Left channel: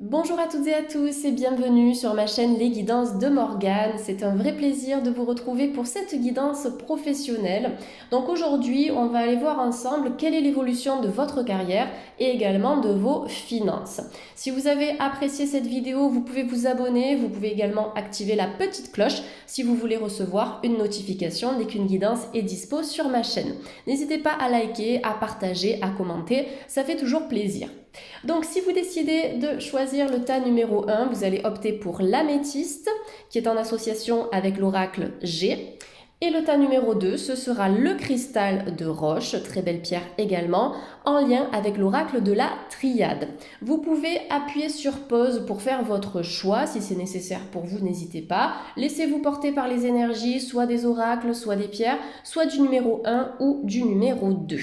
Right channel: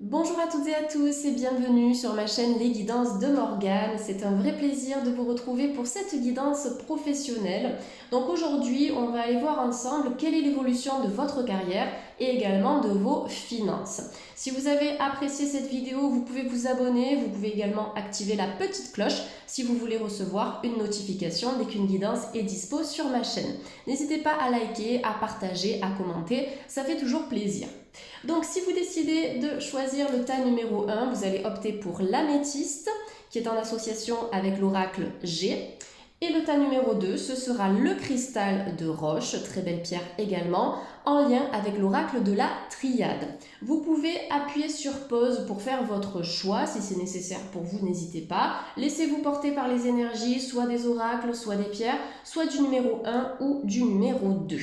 Bonjour à toutes et à tous et bienvenue sur ma chaîne Les Guidances de Morgane. C'est un vrai plaisir de vous retrouver pour cette guidance professionnelle. Donc aujourd'hui, on va aller voir ensemble quelle est l'évolution de votre carrière et également de vos finances. Si vous avez apprécié cette vidéo, vous pouvez vous abonner, vous pouvez également activer la petite cloche si vous voulez recevoir une notification dès qu'une guidance est dispo sur ma chaîne. N'hésitez pas à liker, à partager, à commenter, ça fait toujours plaisir. Donc si vous décidez de choisir le tas numéro 1, vous allez opter pour l'améthyste qui est en association avec l'oracle G. Et le tas numéro 2, ce sera le cristal de roche, très belle pierre également, en lien avec l'oracle de la triade. Vous pouvez appuyer sur pause pour faire votre choix, si c'est nécessaire pour vous, n'hésitez pas. Laissez-vous porter par les énergies, soit des oracles, soit des pierres, soit du numéro 1 ou du numéro 2.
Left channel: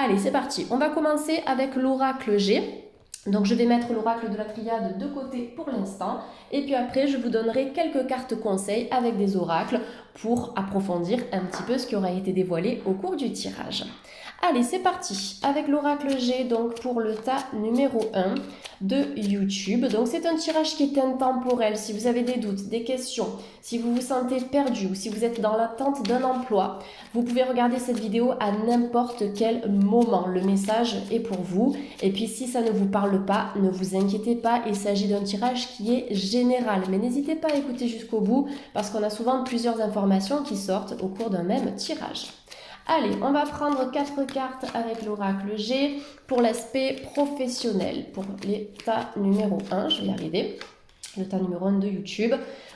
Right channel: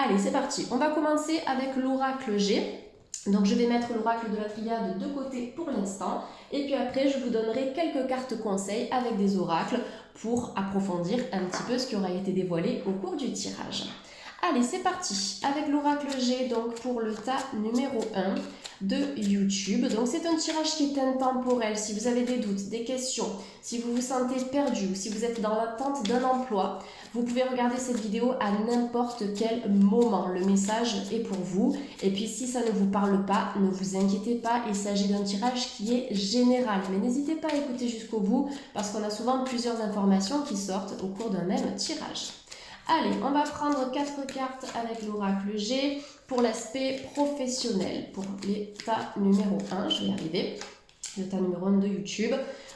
Allez, c'est parti. On va commencer avec l'oracle G. Donc je vais mettre l'oracle de la triade de côté pour l'instant. Et puis après, je vous donnerai quelques cartes conseils avec des oracles pour approfondir un petit peu ce qui aura été dévoilé au cours du tirage. Allez, c'est parti avec l'oracle G donc pour le tas numéro 1 de YouTube. Donc c'est un tirage qui est intemporel. Si vous avez des doutes, des questions, si vous vous sentez perdu ou si vous êtes dans l'attente d'un emploi, vous pouvez regarder cette vidéo à n'importe quel moment. Le message est pour vous. Et puis si ça ne vous parle pas, ne vous inquiétez pas. Il s'agit d'un tirage qui est général. Mais n'hésitez pas à écouter jusqu'au bout parce qu'on a souvent plusieurs informations qui sortent au cours d'un même tirage. Allez, on va prendre 4 cartes avec l'oracle G pour l'aspect professionnel. Pour l'état numéro 1, je vais y arriver. L'état numéro 1 de YouTube.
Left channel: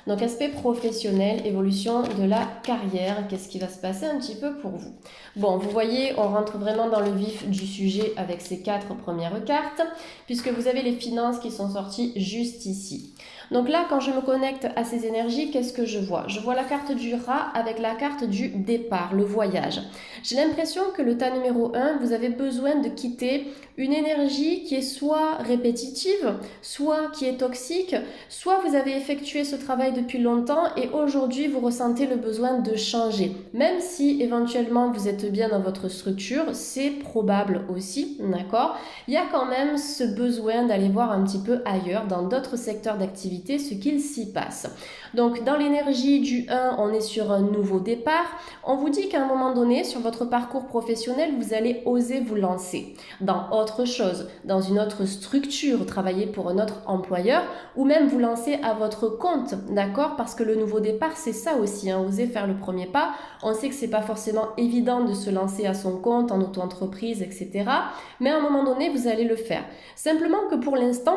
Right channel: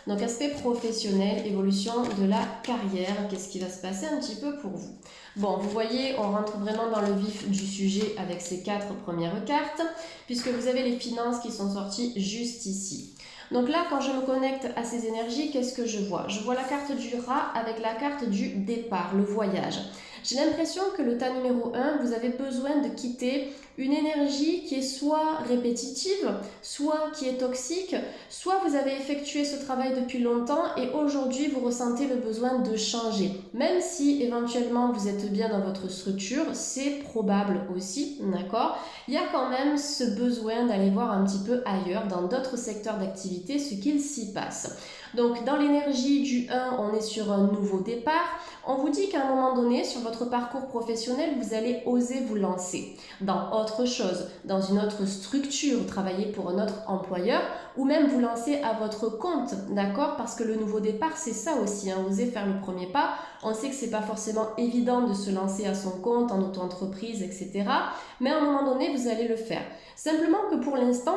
Donc aspect professionnel, évolution de la carrière, qu'est-ce qui va se passer un petit peu pour vous? Bon, vous voyez, on rentre vraiment dans le vif du sujet avec ces 4 premières cartes, puisque vous avez les finances qui sont sorties juste ici. Donc là, quand je me connecte à ces énergies, qu'est-ce que je vois? Je vois la carte du rat avec la carte du départ, le voyage. J'ai l'impression que le tas numéro 1, vous avez besoin de quitter une énergie qui est soit répétitive, soit qui est toxique, soit vous avez effectué ce travail depuis longtemps et aujourd'hui vous ressentez le besoin de changer. Même si éventuellement vous êtes bien dans votre structure, c'est probable aussi, d'accord? Il y a quand même ce besoin d'aller voir un petit peu ailleurs, dans d'autres secteurs d'activité, ce qu'il s'y passe. Donc dans l'énergie du 1, on est sur un nouveau départ. On vous dit qu'à un moment donné, sur votre parcours professionnel, vous allez oser vous lancer dans autre chose, dans une autre structure, travailler pour un autre employeur ou même vous lancer à votre compte, d'accord? Parce que le nouveau départ, c'est ça aussi, hein, oser faire le premier pas. On sait que c'est pas forcément évident de se lancer à son compte, en auto-entreprise, etc. Mais à un moment donné, vous allez le faire. Simplement que pour l'instant,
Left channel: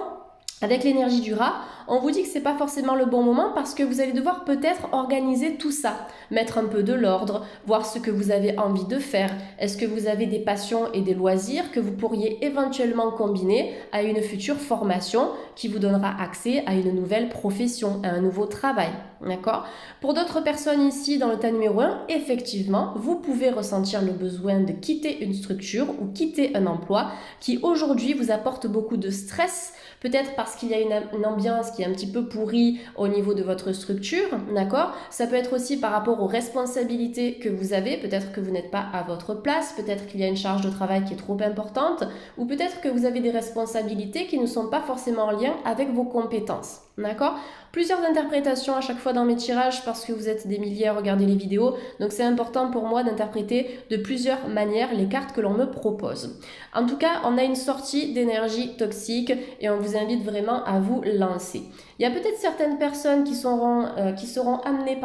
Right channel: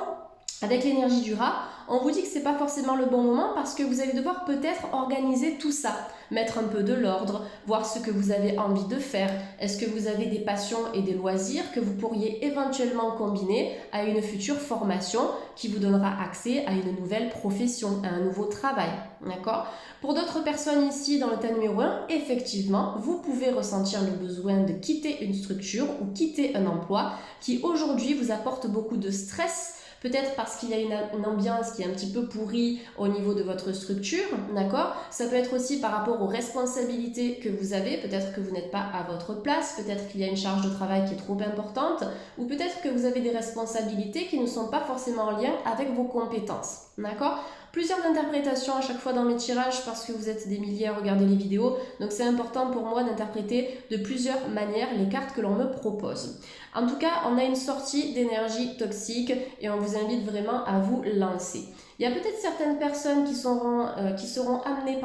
avec l'énergie du rat, on vous dit que ce n'est pas forcément le bon moment parce que vous allez devoir peut-être organiser tout ça, mettre un peu de l'ordre, voir ce que vous avez envie de faire. Est-ce que vous avez des passions et des loisirs que vous pourriez éventuellement combiner à une future formation qui vous donnera accès à une nouvelle profession, à un nouveau travail, d'accord? Pour d'autres personnes ici dans le tas numéro 1, effectivement, vous pouvez ressentir le besoin de quitter une structure ou quitter un emploi qui aujourd'hui vous apporte beaucoup de stress. Peut-être parce qu'il y a une ambiance qui est un petit peu pourrie au niveau de votre structure, d'accord? Ça peut être aussi par rapport aux responsabilités que vous avez. Peut-être que vous n'êtes pas à votre place, peut-être qu'il y a une charge de travail qui est trop importante, ou peut-être que vous avez des responsabilités qui ne sont pas forcément en lien avec vos compétences, d'accord? Plusieurs interprétations à chaque fois dans mes tirages parce que vous êtes des milliers à regarder les vidéos, donc c'est important pour moi d'interpréter de plusieurs manières les cartes que l'on me propose. En tout cas, on a une sortie d'énergie toxique et on vous invite vraiment à vous lancer. Il y a peut-être certaines personnes qui seront amenées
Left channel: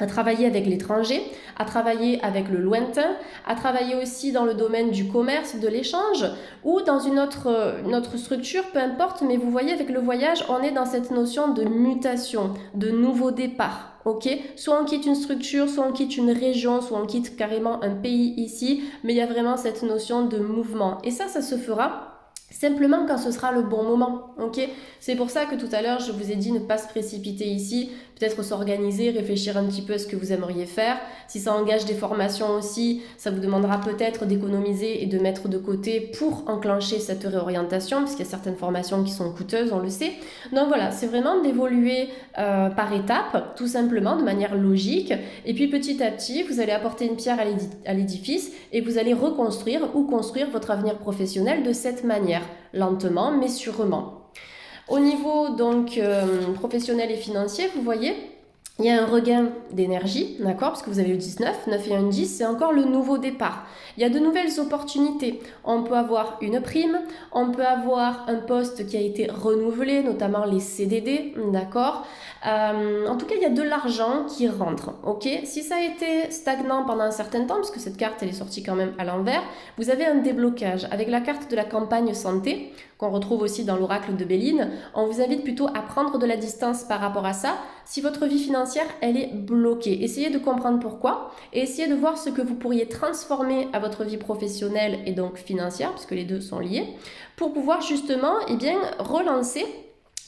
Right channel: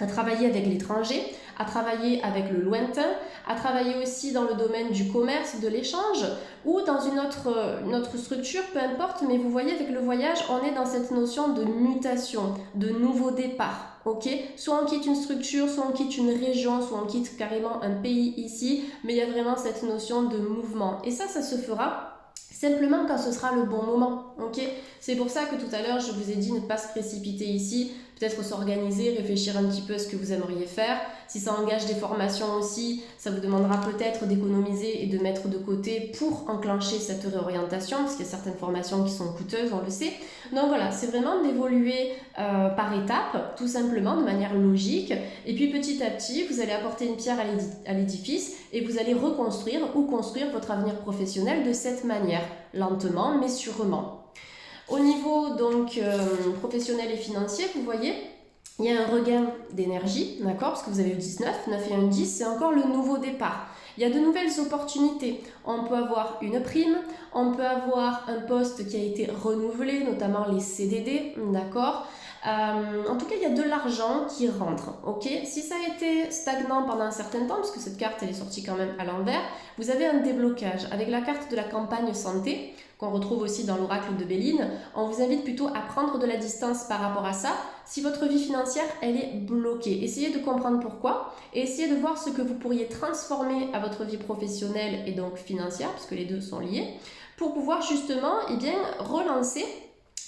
à travailler avec l'étranger, à travailler avec le lointain, à travailler aussi dans le domaine du commerce, de l'échange ou dans une autre structure, peu importe, mais vous voyez avec le voyage, on est dans cette notion de mutation, de nouveau départ. Ok, soit on quitte une structure, soit on quitte une région, soit on quitte carrément un pays ici, mais il y a vraiment cette notion de mouvement. Et ça se fera simplement quand ce sera le bon moment, ok? C'est pour ça que tout à l'heure, je vous ai dit ne pas se précipiter ici, peut-être s'organiser, réfléchir un petit peu à ce que vous aimeriez faire. Si ça engage des formations aussi, ça vous demandera peut-être d'économiser et de mettre de côté pour enclencher cette réorientation, parce qu'il y a certaines formations qui sont coûteuses, on le sait. Donc voilà, c'est vraiment d'évoluer par étapes, tout simplement, de manière logique. Et puis petit à petit, vous allez apporter une pierre à l'édifice et vous allez reconstruire ou construire votre avenir professionnel de cette manière, lentement mais sûrement. Au niveau donc professionnel et financier, vous voyez, il y a un regain d'énergie, d'accord, parce que vous avez le 19, 9 et un 10, c'est encore le nouveau départ. Il y a de nouvelles opportunités. On peut avoir une prime, on peut avoir un poste qui a été renouvelé, notamment les CDD, d'accord. En tout cas, il y a de l'argent qui rentre, ok. Si ça a été stagnant pendant un certain temps, parce que cette carte elle est sortie quand même à l'envers, vous avez un déblocage. Avec la carte de la campagne santé, qu'on retrouve aussi dans l'oracle de Béline, on vous invite plutôt à prendre de la distance par rapport à ça. Si votre vie financière, elle est bloquée, essayez de comprendre pourquoi et essayez de voir ce que vous pourriez transformer à votre vie professionnelle et donc financière, puisque les deux sont liés, pour pouvoir justement relancer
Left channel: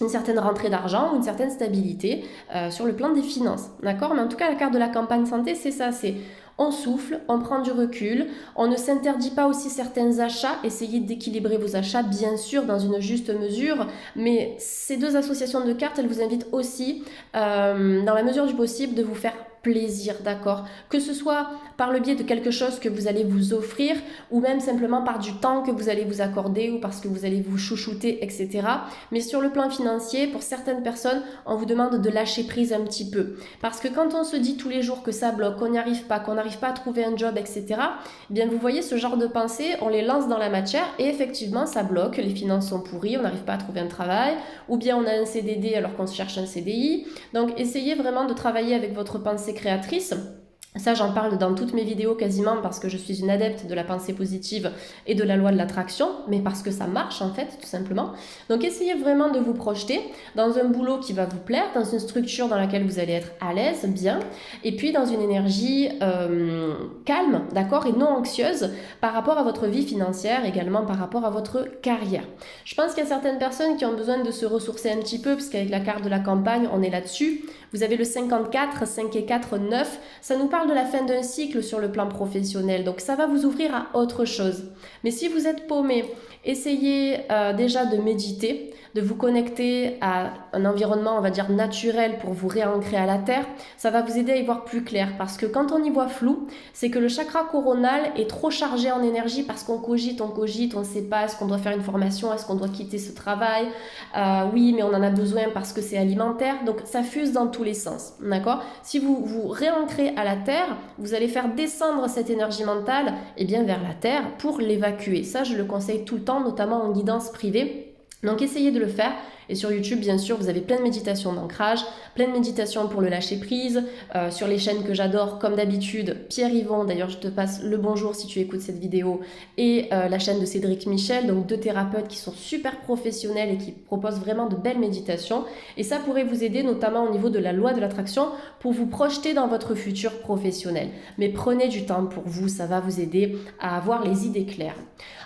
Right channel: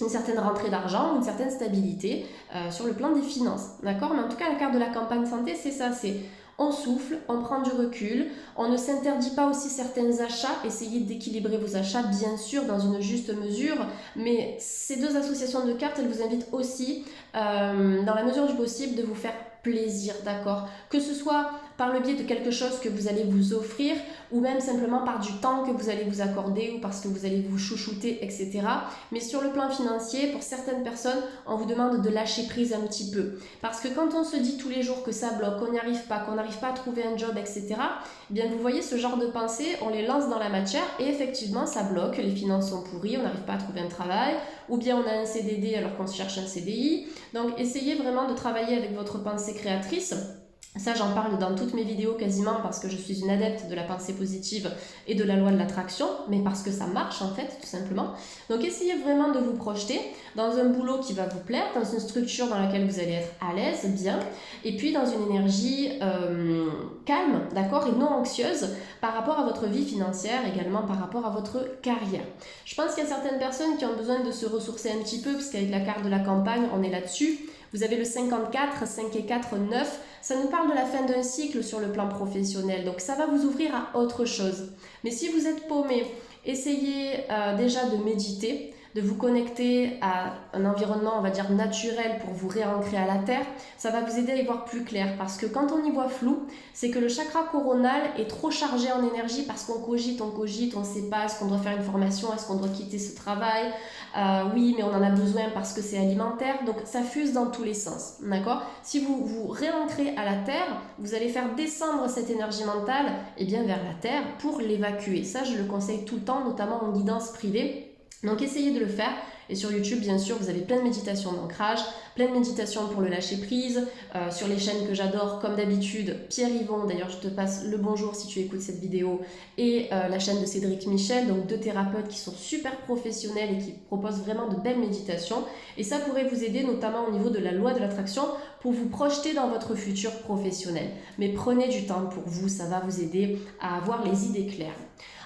une certaine rentrée d'argent ou une certaine stabilité sur le plan des finances. D'accord. Mais en tout cas, la carte de la campagne santé, c'est ça, c'est on souffle, on prend du recul, on ne s'interdit pas aussi certains achats, essayez d'équilibrer vos achats bien sûr dans une juste mesure, mais ces deux associations de cartes, elles vous invitent aussi, dans la mesure du possible, de vous faire plaisir, d'accord? Que ce soit par le biais de quelque chose que vous allez vous offrir ou même simplement par du temps que vous allez vous accorder ou parce que vous allez vous chouchouter, etc. Mais sur le plan financier, pour certaines personnes, on vous demande de lâcher prise un petit peu. Parce que quand on se dit tous les jours que ça bloque, qu'on n'y arrive pas, qu'on n'arrive pas à trouver un job, etc., eh bien vous voyez ce genre de pensée, on les lance dans la matière et effectivement ça bloque, les finances sont pourries, on n'arrive pas à trouver un travail, ou bien on a un CDD alors qu'on cherche un CDI. Donc essayez vraiment de travailler avec votre pensée créatrice. Ça, j'en parle dans toutes mes vidéos quasiment parce que je suis une adepte de la pensée positive et de la loi de l'attraction, mais parce que ça marche en fait, tout simplement. Donc essayez vraiment de vous projeter dans un boulot qui va vous plaire, dans une structure dans laquelle vous allez être à l'aise, bien, et puis dans une énergie calme, d'accord, et non anxieuse par rapport à votre vie financière, également par rapport à votre carrière. Je pense qu'il y a certaines personnes qui ont besoin de se ressourcer un petit peu, puisqu'avec la carte de la campagne, on est là-dessus. Vous avez le 54, 5 et 4, 9. Ça nous parle de la fin d'un cycle sur le plan professionnel. Donc ça va vous ouvrir à autre chose. Mais si vous êtes paumé, essayez déjà de méditer, de vous connecter à un environnement, on va dire, naturel pour vous réancrer à la terre. Ça va vous aider à y voir plus clair. Parce que quand on y voit flou, c'est que le chakra coronal est trop chargé en énergie parce qu'on cogite, on ne sait pas, est-ce qu'on doit faire une formation, est-ce qu'on doit quitter ce travail, oui, mais on en a besoin parce que c'est alimentaire. Donc ça fuse dans tous les sens, d'accord. Si vous vous réancrez à la terre, vous allez faire descendre cette énergie mentale vers la terre pour l'évacuer. Ça, je le conseille tout le temps, notamment en guidance privée. Donc essayez de le faire. Et sur YouTube, bien sûr, vous avez plein de méditations d'ancrage, plein de méditations pour le lâcher prise, sur les chaînes que j'adore, comme d'habitude, Pierre Yvon, d'ailleurs je te passe le bonjour si tu écoutes cette vidéo, et la chaîne de Cédric Michel, donc deux thérapeutes qui sont super professionnels et qui proposent vraiment de belles méditations. Et ça pourrait vous aider notamment au niveau de la loi de l'attraction pour vous projeter dans votre futur professionnel. Mais prenez du temps pour vous, ça va vous aider à avoir les idées claires.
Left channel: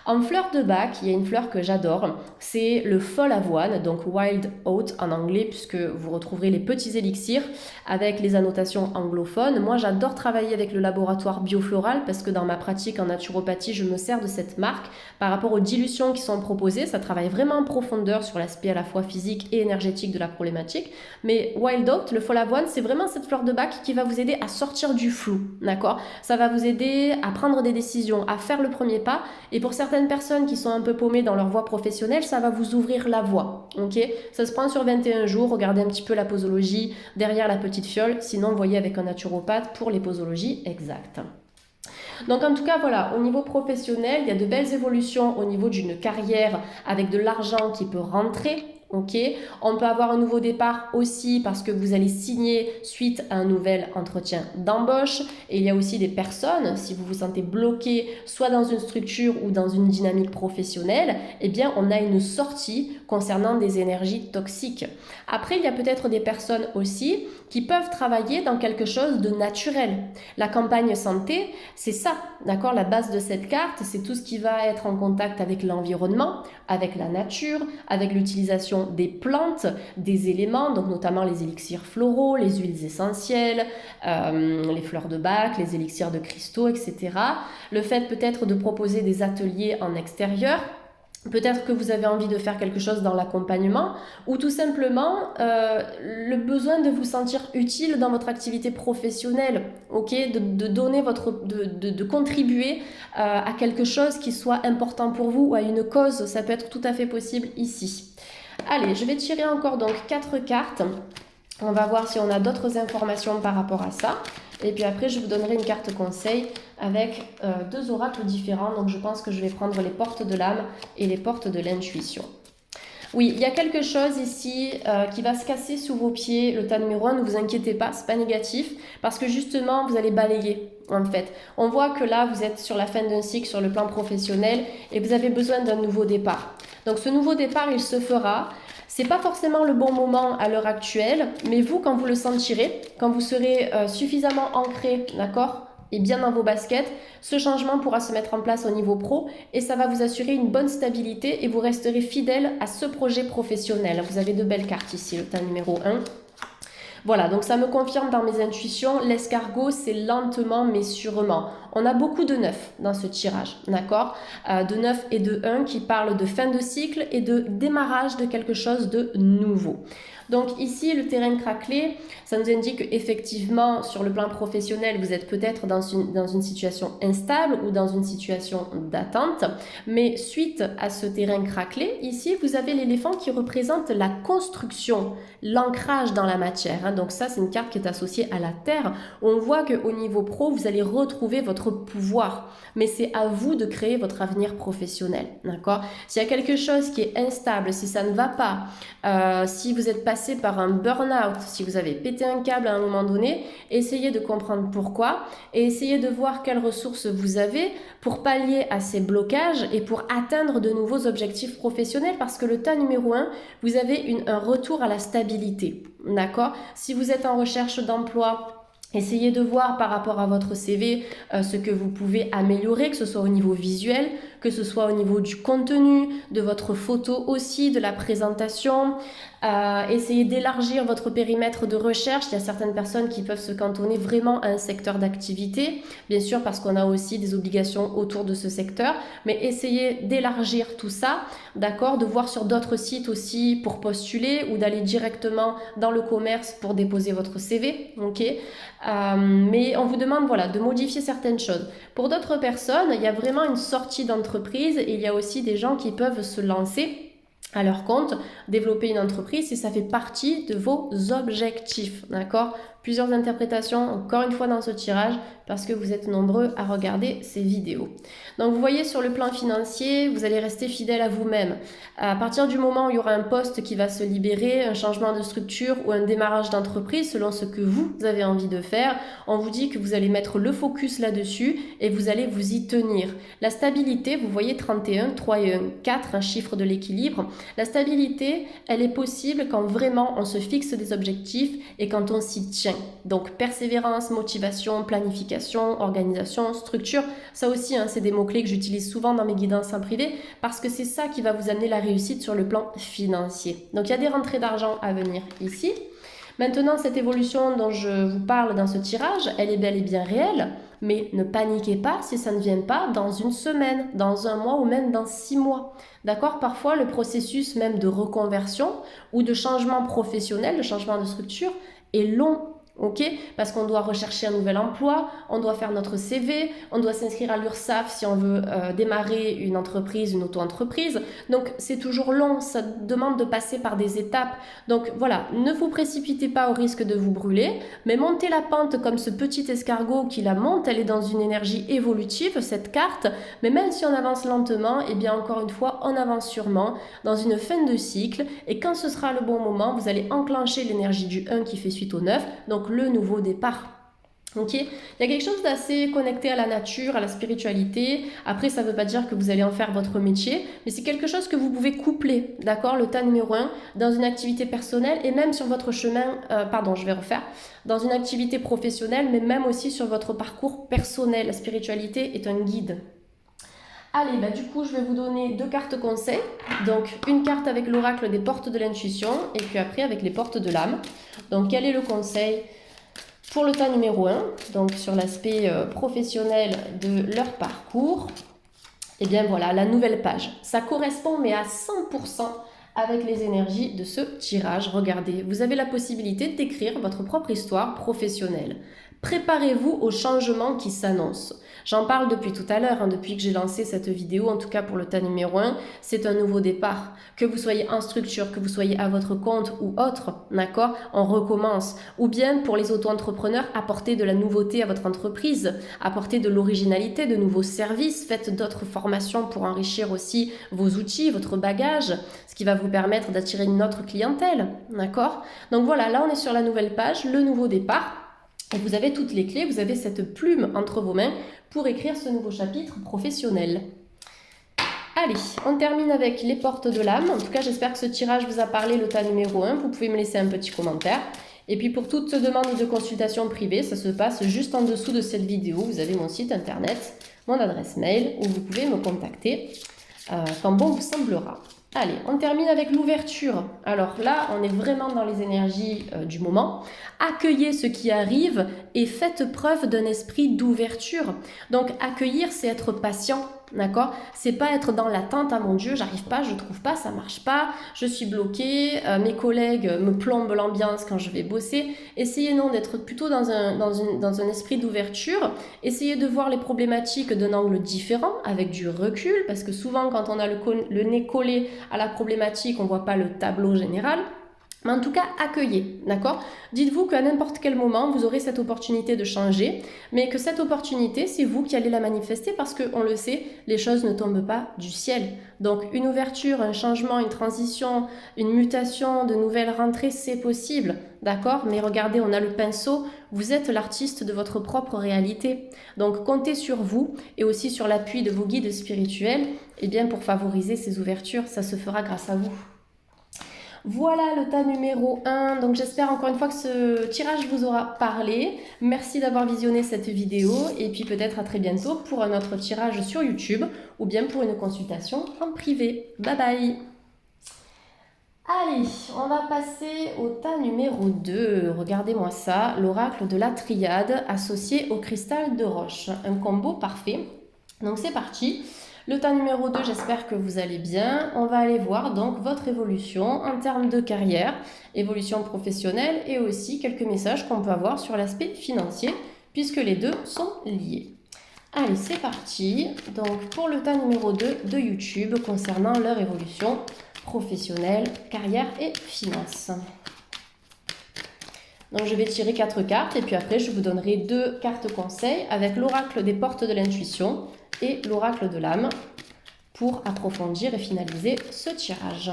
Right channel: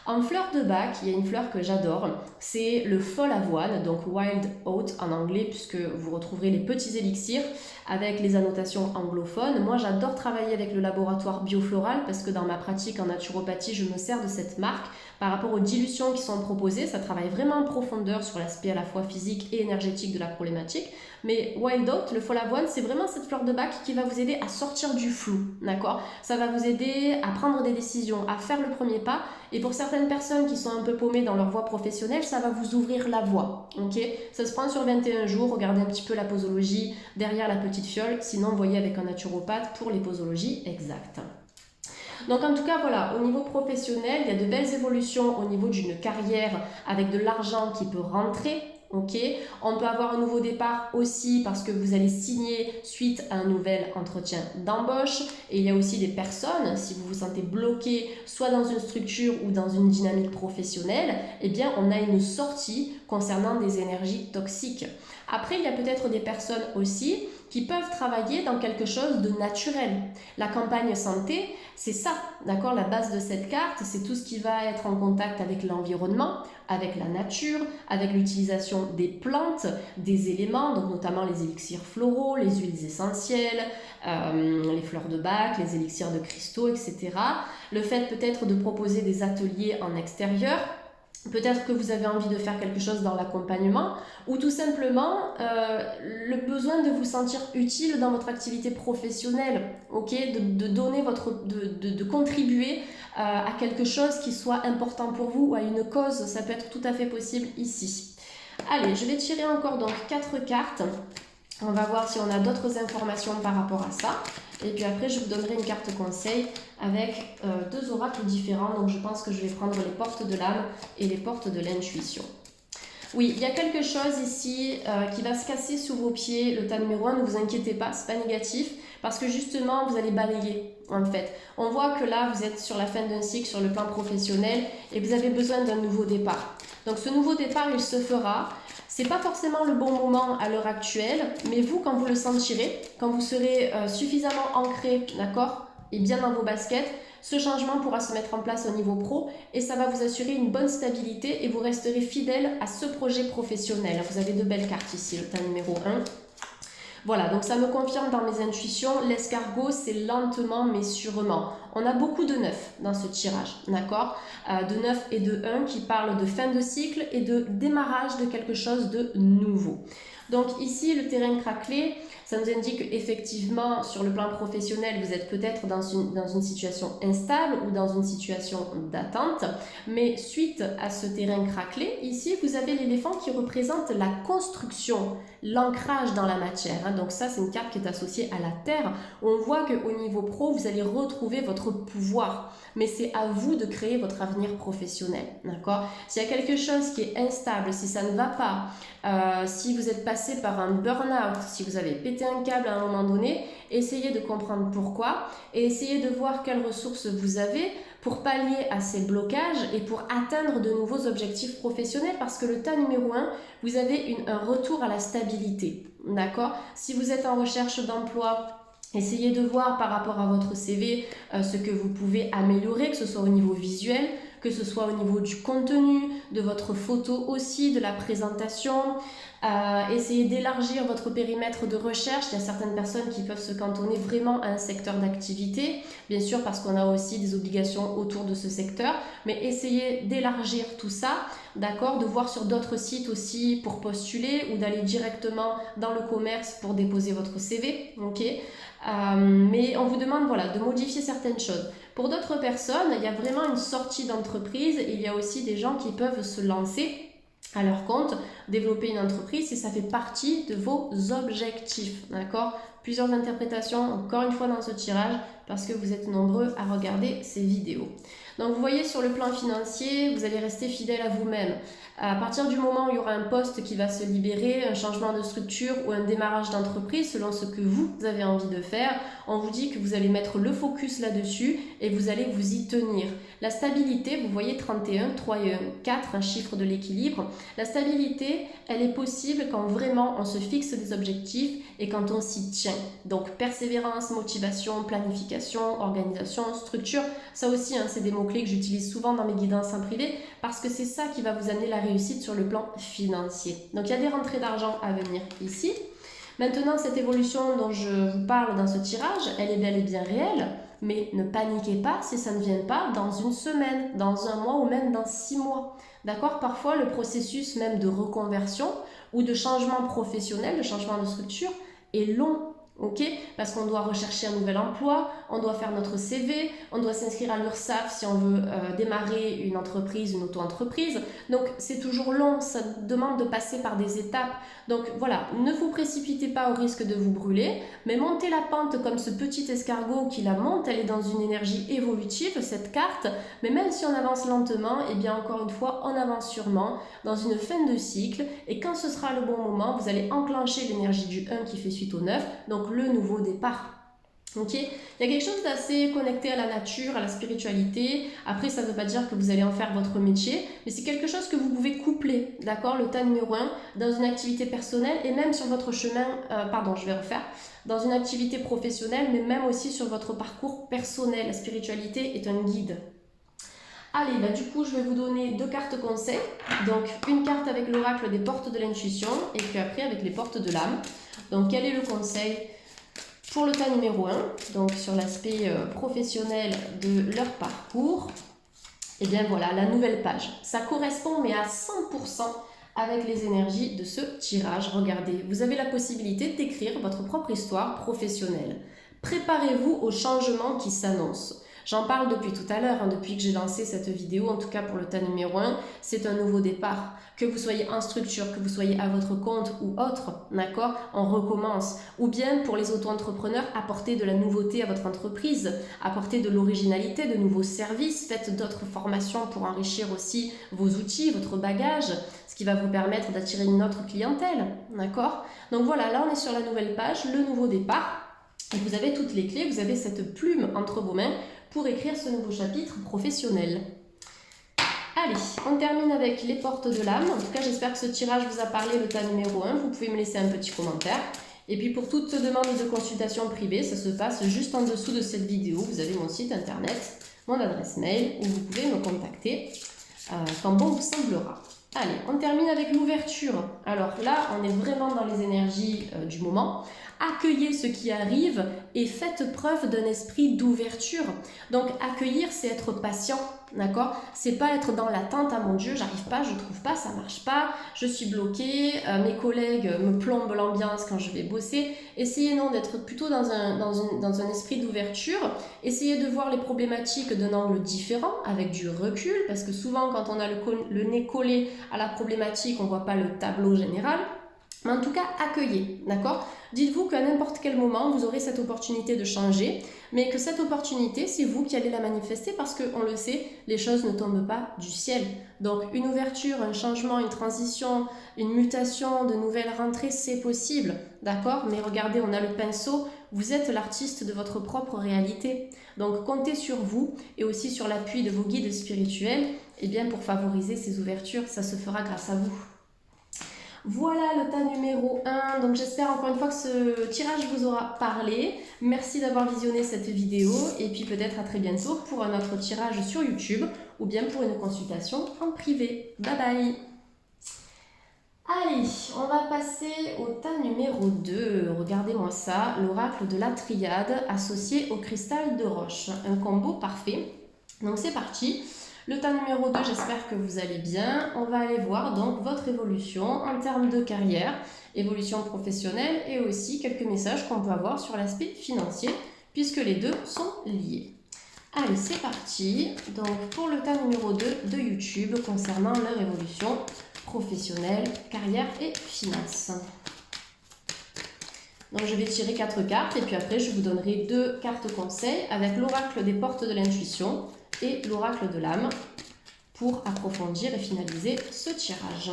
En fleur de bac, il y a une fleur que j'adore, c'est le fol avoine, donc wild oat en anglais, puisque vous retrouverez les petits élixirs avec les annotations anglophones. Moi, j'adore travailler avec le laboratoire Biofloral parce que dans ma pratique en naturopathie, je me sers de cette marque par rapport aux dilutions qui sont proposées. Ça travaille vraiment en profondeur sur l'aspect à la fois physique et énergétique de la problématique. Mais wild oat, le fol avoine, c'est vraiment cette fleur de bac qui va vous aider à sortir du flou, d'accord? Ça va vous aider à prendre des décisions, à faire le premier pas. Et pour certaines personnes qui sont un peu paumées dans leur voie professionnelle, ça va vous ouvrir la voie, ok? Ça se prend sur 21 jours, regardez un petit peu la posologie derrière la petite fiole, sinon voyez avec un naturopathe pour les posologies exactes. Donc en tout cas, voilà, au niveau professionnel, il y a de belles évolutions au niveau d'une carrière avec de l'argent qui peut rentrer. Ok, on peut avoir un nouveau départ aussi parce que vous allez signer suite à un nouvel entretien d'embauche. Et il y a aussi des personnes, si vous vous sentez bloqué soit dans une structure ou dans une dynamique professionnelle, eh bien on a une sortie concernant des énergies toxiques. Après, il y a peut-être des personnes aussi qui peuvent travailler dans quelque chose de naturel. La campagne santé, c'est ça, d'accord? La base de cette carte, c'est tout ce qui va être en contact avec l'environnement, avec la nature, avec l'utilisation des plantes, des éléments, donc notamment les élixirs floraux, les huiles essentielles, les fleurs de bac, les élixirs de cristaux, etc. Le fait peut-être de proposer des ateliers en extérieur. Peut-être que vous avez envie de faire quelque chose dans l'accompagnement ou tout simplement le besoin de vous sentir utile dans votre activité professionnelle, ok, de donner de contribuer à quelque chose qui soit important pour vous ou à une cause, ça peut être tout à fait possible ici. Allez, je vais tirer encore donc 4 cartes. On va voir si on a d'autres informations par rapport à ça. Et puis après, je vous donnerai une carte conseil avec 2 oracles différents. Donc je pense que je vais prendre les portes de l'âme et les portes de l'intuition. Oui, il y a quelque chose ici qui va se casser sous vos pieds, le tas numéro 1, ne vous inquiétez pas, c'est pas négatif, parce que justement, vous allez balayer, en fait. On voit que là, vous êtes sur la fin d'un cycle, sur le plan professionnel, et vous avez besoin d'un nouveau départ. Donc ce nouveau départ, il se fera. C'est pas forcément le bon moment à l'heure actuelle, mais vous, quand vous le sentirez, quand vous serez suffisamment ancré, d'accord, et bien dans vos baskets, ce changement pourra se mettre en place au niveau pro et ça va vous assurer une bonne stabilité et vous resterez fidèle à ce projet professionnel. Vous avez de belles cartes ici, le tas numéro 1. Voilà, donc ça me confirme dans mes intuitions, l'escargot c'est lentement mais sûrement. On a beaucoup de 9 dans ce tirage, d'accord, de 9 et de 1 qui parlent de fin de cycle et de démarrage de quelque chose de nouveau. Donc ici, le terrain craquelé, ça nous indique qu'effectivement, sur le plan professionnel, vous êtes peut-être dans une situation instable ou dans une situation d'attente. Mais suite à ce terrain craquelé, ici, vous avez l'éléphant qui représente la construction, l'ancrage dans la matière. Donc ça, c'est une carte qui est associée à la terre. On voit qu'au niveau pro, vous allez retrouver votre pouvoir. Mais c'est à vous de créer votre avenir professionnel, d'accord? S'il y a quelque chose qui est instable, si ça ne va pas, si vous êtes passé par un burn-out, si vous avez pété un câble à un moment donné, essayez de comprendre pourquoi et essayez de voir quelles ressources vous avez pour pallier à ces blocages et pour atteindre de nouveaux objectifs professionnels parce que le tas numéro 1, vous avez un retour à la stabilité, d'accord? Si vous êtes en recherche d'emploi, essayez de voir par rapport à votre CV ce que vous pouvez améliorer, que ce soit au niveau visuel, que ce soit au niveau du contenu, de votre photo aussi, de la présentation. Essayez d'élargir votre périmètre de recherche. Il y a certaines personnes qui peuvent se cantonner vraiment à un secteur d'activité, bien sûr parce qu'on a aussi des obligations autour de ce secteur, mais essayez d'élargir tout ça, d'accord, de voir sur d'autres sites aussi pour postuler ou d'aller directement dans le commerce pour déposer votre CV, ok. Mais on vous demande voilà, de modifier certaines choses. Pour d'autres personnes, il y a vraiment une sortie d'entreprise et il y a aussi des gens qui peuvent se lancer à leur compte, développer une entreprise si ça fait partie de vos objectifs, d'accord? Plusieurs interprétations, encore une fois dans ce tirage, parce que vous êtes nombreux à regarder ces vidéos. Donc vous voyez sur le plan financier, vous allez rester fidèle à vous-même. À partir du moment où il y aura un poste qui va se libérer, un changement de structure ou un démarrage d'entreprise selon ce que vous avez envie de faire, on vous dit que vous allez mettre le focus là-dessus et vous allez vous y tenir. La stabilité, vous voyez 31, 3 et 1, 4, un chiffre de l'équilibre. La stabilité, elle est possible quand vraiment on se fixe des objectifs et quand on s'y tient. Donc persévérance, motivation, planification, organisation, structure, ça aussi c'est des mots-clés que j'utilise souvent dans mes guidances en privé parce que c'est ça qui va vous amener la réussite sur le plan financier. Donc il y a des rentrées d'argent à venir ici. Maintenant, cette évolution dont je vous parle dans ce tirage, elle est bel et bien réelle, mais ne paniquez pas si ça ne vient pas dans une semaine, dans un mois ou même dans 6 mois. D'accord? Parfois, le processus même de reconversion ou de changement professionnel, de changement de structure est long. Ok, parce qu'on doit rechercher un nouvel emploi, on doit faire notre CV, on doit s'inscrire à l'URSSAF si on veut démarrer une entreprise, une auto-entreprise. Donc c'est toujours long, ça demande de passer par des étapes. Donc voilà, ne vous précipitez pas au risque de vous brûler, mais montez la pente comme ce petit escargot qui la monte, elle est dans une énergie évolutive, cette carte, mais même si on avance lentement, et bien encore une fois, on avance sûrement dans une fin de cycle, et quand ce sera le bon moment, vous allez enclencher l'énergie du 1 qui fait suite au 9, donc le nouveau départ. Ok, il y a quelque chose d'assez connecté à la nature, à la spiritualité. Après, ça ne veut pas dire que vous allez en faire votre métier, mais c'est quelque chose que vous pouvez coupler, d'accord, le tas numéro 1, dans une activité personnelle et même sur votre chemin, dans une activité professionnelle, mais même aussi sur votre parcours personnel. La spiritualité est un guide. Allez, du coup, je vais vous donner 2 cartes conseils. Donc, une carte avec l'oracle des portes de l'intuition et puis après avec les portes de l'âme. Donc, quel est le conseil pour le tas numéro 1, donc sur l'aspect professionnel de leur parcours? Eh bien voilà, la nouvelle page. Ça correspond mais à 100% avec les énergies de ce tirage. Regardez, vous avez la possibilité d'écrire votre propre histoire professionnelle. Préparez-vous au changement qui s'annonce. J'en parle depuis tout à l'heure, hein, depuis que j'ai lancé cette vidéo, en tout cas pour le tas numéro 1, c'est un nouveau départ. Que vous soyez en structure, que vous soyez à votre compte ou autre, d'accord, on recommence. Ou bien pour les auto-entrepreneurs, apportez de la nouveauté à votre entreprise, apportez de l'originalité, de nouveaux services, faites d'autres formations pour enrichir aussi vos outils, votre bagage, ce qui va vous permettre d'attirer une autre clientèle, d'accord? Donc voilà, là on est sur la nouvelle page, le nouveau départ. Et vous avez toutes les clés, vous avez cette plume entre vos mains pour écrire ce nouveau chapitre professionnel. Allez, on termine avec les portes de l'âme. En tout cas, j'espère que ce tirage vous a parlé, le tas numéro 1. Vous pouvez me laisser un petit commentaire. Et puis pour toute demande de consultation privée, ça se passe juste en dessous de cette vidéo. Vous avez mon site internet, mon adresse mail, où vous pouvez me contacter quand bon vous semblera. Allez, on termine avec l'ouverture. Alors là, on est vraiment dans les énergies du moment. Accueillez ce qui arrive et faites preuve d'un esprit d'ouverture. Donc accueillir, c'est être patient, d'accord? C'est pas être dans l'attente, ah mon Dieu, j'arrive pas, je trouve pas, ça marche pas, je suis bloquée, mes collègues me plombent l'ambiance quand je vais bosser. Essayez non d'être plutôt dans un esprit d'ouverture. Essayez de voir les problématiques d'un angle différent, avec du recul, parce que souvent quand on a le nez collé à la problématique, on voit pas le tableau général. Mais en tout cas, accueillez, d'accord? Dites-vous qu'à n'importe quel moment, vous aurez cette opportunité de changer, mais que cette opportunité, c'est vous qui allez la manifester parce qu'on le sait, les choses ne tombent pas du ciel. Donc, une ouverture, un changement, une transition, une mutation, de nouvelles rentrées, c'est possible, d'accord? Mais regardez, on a le pinceau, vous êtes l'artiste de votre propre réalité. Donc, comptez sur vous et aussi sur l'appui de vos guides spirituels, eh bien, pour favoriser ces ouvertures, ça se fera grâce à vous. Voilà le tas numéro 1, donc j'espère encore une fois que ce tirage vous aura parlé. Merci d'avoir visionné cette vidéo et puis peut-être à très bientôt pour un autre tirage sur YouTube ou bien pour une consultation en privé. Bye bye. Allez, on va passer au tas numéro 2. Regardez-moi ça, l'oracle de la triade associé au cristal de roche. Un combo parfait. Donc c'est parti. Le tas numéro 2, j'espère que vous allez bien. On va aller voir donc votre évolution en termes de carrière, évolution professionnelle et aussi quelques messages qu'on peut avoir sur l'aspect financier puisque les deux sont liés. Allez, c'est parti. Donc pour le tas numéro 2 de YouTube concernant leur évolution professionnelle, carrière et finances. Donc je vais tirer 4 cartes et puis après je vous donnerai 2 cartes conseils avec l'oracle des portes de l'intuition et l'oracle de l'âme pour approfondir et finaliser ce tirage.